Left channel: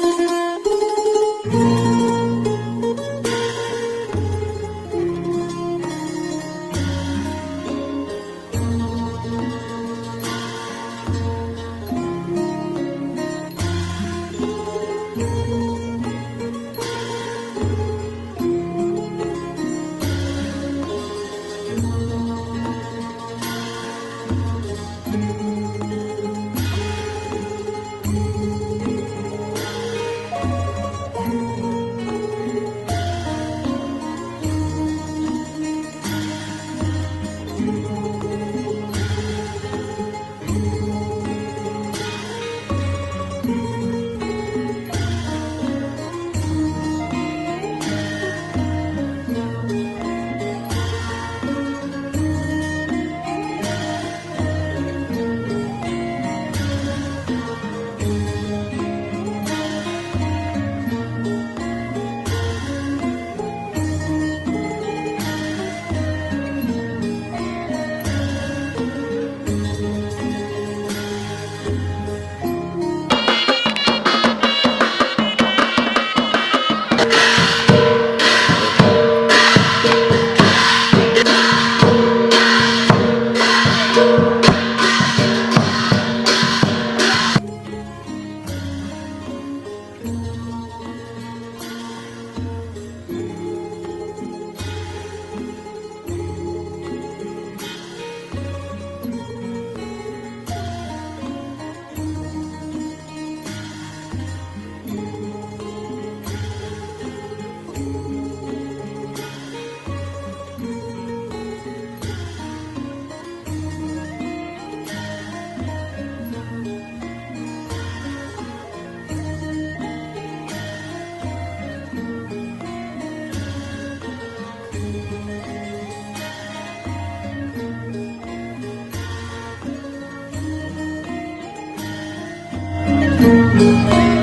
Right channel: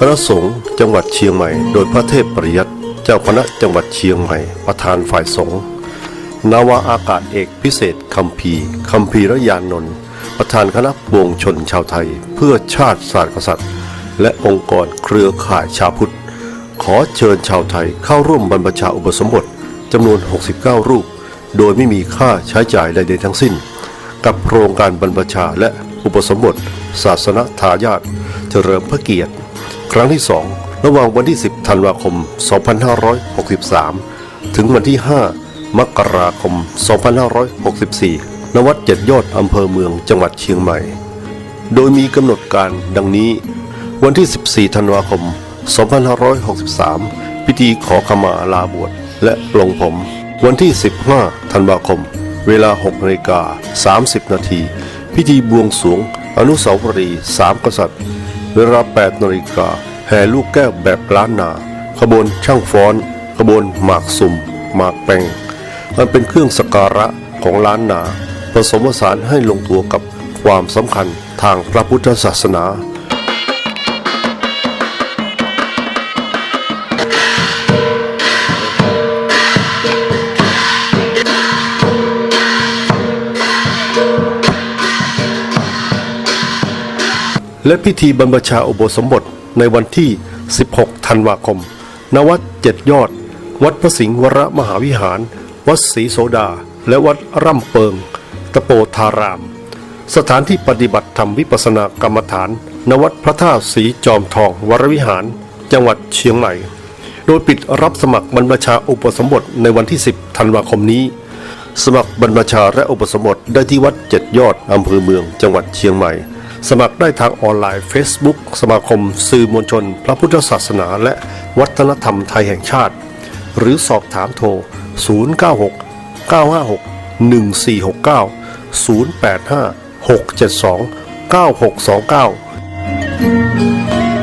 คณะสงฆ์จังหวัดเชียงใหม่ โดยพระเทพปริยัติเจ้าคณะจังหวัดเชียงใหม่ ประธานฝ่ายสงฆ์นาวาอากาศเอกพิเศษคัมภีคัมภีระยานนท์ประธานคณะปวงชนชาวไทย เพื่อชาติศาสตร์กษัตริย์ และองค์กรเครือข่ายชาวพุทธ ขอเชิญชาวไทยเข้าร่วมบรรพชาอุปสมบทจำนวน 69 รูป โดยไม่มีค่าใช้จ่ายใดๆทั้งสิ้น กับโครงการบรรพชาและอุปสมบท ศาสนทายาทเจริญพระเกียรติ ครั้งที่ 2 ระหว่างวันที่ 10 ธันวาคม 2563 ถึงวันที่ 5 มกราคม 2564 ณ วัดเจ็ดยอดอำเภอเมืองจังหวัดเชียงใหม่ โดยมีกำหนดการดังนี้ วันที่ 14 ธันวาคม 2563 พิธีขอขมาลาบวชและปลงผม วันที่ 15 ธันวาคม เวลา6นาฬิกา30 นาที พิธีบวงสรวงอนุสาวรีย์สามกษัตริย์ เวลา8นาฬิกาแห่ลูกแก้วแบบล้านนา ขบวนช่างฟ้อน ขบวนหมากสุ่ม หมากแปงมันเป็นเครื่องสกการะของล้านนา ผสมผสานให้ลงตัวกับความสำคัญทางพระพุทธศาสนา และพิธีบรรพชาอุโบสมบทในวันที่ 16 ธันวาคม ณ วัดเจ็ดยอด วัดพระสิงห์วรมหาวิหาร วัดศรีโสดา และวัดร่ำเปิง ตะโปธาราม สถานที่ปฏิบัติธรรมวิปัสสนากรรมฐาน ณ วัดพระธาตุสีจอมทองวรวิหาร จังหวัดเชียงใหม่ โดยปิดรับสมัครบรรพชาอุปสมบทในวันที่ 10 ธันวาคมนี้ สมัครบรรพชาและอุปสมบทได้ที่วัดเจ็ดยอดอำเภอเมือง จังหวัดเชียงใหม่ สมัครได้ทางออนไลน์ Facebook สมาคม สื่อมวลชน พระพุทธศาสนา และวัฒนธรรมไทยแห่งชาติ หรือสอบถามโทร 096 956 1469 085 672 9629